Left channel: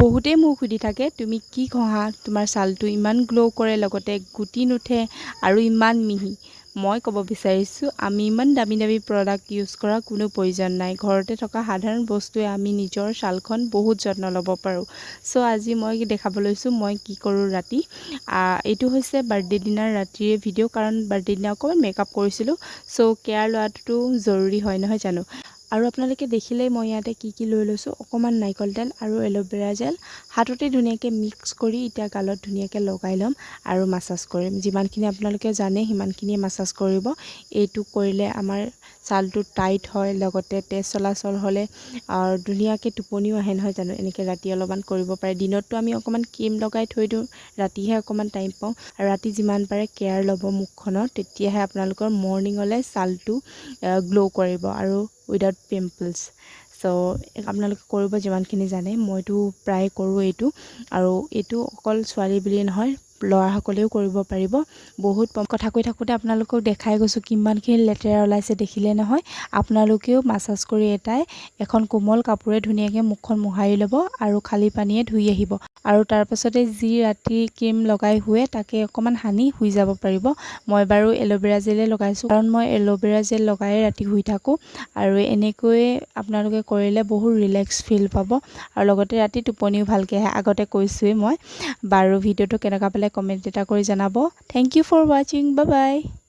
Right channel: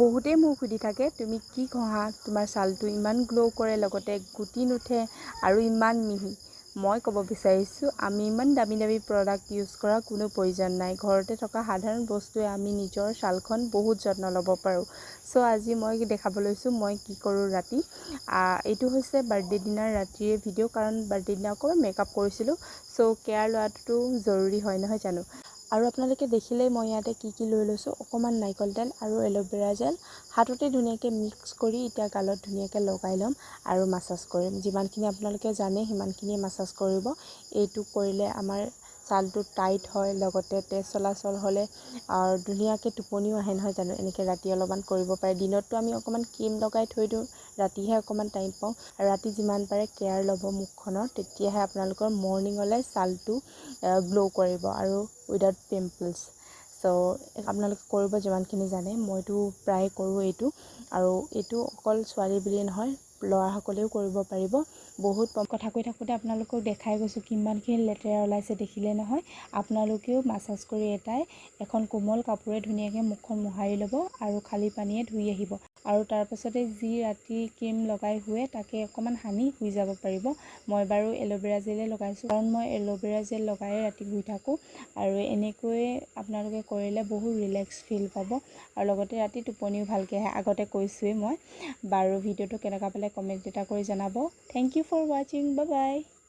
বহুতেই মোক সুধি থাকে তুমি কি ঘঁহা তোমাৰ ছালটো ইমান গ্ল' কৰে লগতে গুটি নুঠে আৰু ইমান মিহি। মই ক'ব বিচাৰিছোঁ আমি ইমান দামী দামী প্ৰডাক্ট ইউজ কৰা কোনো প্ৰয়োজন নাই। ঘৰতে থকা সাধাৰণ বস্তুৱে আমি নিজৰ ছালখন বহুত যত্ন ল'ব পাৰোঁ। চ' আজি মই দেখাব লৈছোঁ মই কি কৰোঁ ৰাতি। এইটো হৈছে বাৰ্থডে দিনাৰ ৰাতিৰ ভিডিঅ' কাৰণ বাৰ্থডে দিনা অকণমান মেকআপ কৰিছিলোঁ। চ' কেয়াৰ লোৱাটো জৰুৰী হয় নহয় জানো। আৰু আপোনালোকে দেখিলেই মই ইয়াতে কি লৈ লৈছোঁ অকণমান নাৰিকল তেল আৰু এল'ভেৰা জেল হাততে ধুনীয়াকৈ মিক্স কৰি এতিয়া গালত ধুনীয়াকৈ লগাই ল'ম আৰু মাছাজ কৰিম। যিমানখিনি আপোনালোকে জানে সিমানখিনি মাছাজ কৰিব। এইটো কৰিলে আমাৰ ছালটো টাইট হয় লগতে তেজ চলাচল হ'লে ধুনীয়াকৈ টোপনিও আহে নহয় জানো। এনেকৈ ৰাতি অলপমান কৰিব পাৰে। দিনততো আমি অকণমান ক্ৰীম লগাই থৈ দিওঁ, ৰাতিহে অকণমান টাইম পাওঁ আৰু ৰাতি যিমান পাৰে কেয়াৰ ল'ব মুখখনৰ, তেতিয়াহে আপোনালোকৰ মৰ্ণিঙলৈ ছালটো গ্ল' কৰিব আৰু উইদাউট পিম্পলছ। চ' আপোনালোকে কৰিব যিমানখিনি জানে। মইতো প্ৰায় কৰোঁ এইটো আৰু এইটো অকল ছোৱালী বুলিয়ে নহয় ল'ৰাসকলেও কৰিব পাৰিব। বহুত কথা কৈ থাকোঁতে আপোনালোকক দেখাই গৈছোঁ কিমানখিনি লেতেৰা ওলাইছে দেখিলে নহয়। আপোনালোকেও মাছাজ কৰি এখন কোমল কাপোৰে ধুনীয়াকৈ মুখখন মোহাৰি ল'ব আৰু খালী পানীয়ে ধুই আহিব আৰু তাৰপাছতে যি ৰাতি ক্ৰীম লগাই শুৱে তাকে অকণমান সানি শুই যাব পাৰিব। মই বাৰু এল'ভেৰা জেলে লগাইছোঁ কাৰণ মই এল'ভেৰা জেল লগাই ৰাতি শুই থাকোঁ আৰু এনেকৈয়ে আপোনালোকে কৰিলে বহুত ৰিলেক্স ফিল পাব আৰু লগতে ৰাতি টোপনিও ভালকৈ আহে। আগতে কৈছোঁৱেই মই। বাৰু ভিডিঅ'টো কেনেকুৱা পালে কমেণ্ট এটা কৰি জনাব। থেংক ইউ ফৰ ৱাচিং। Bye bye.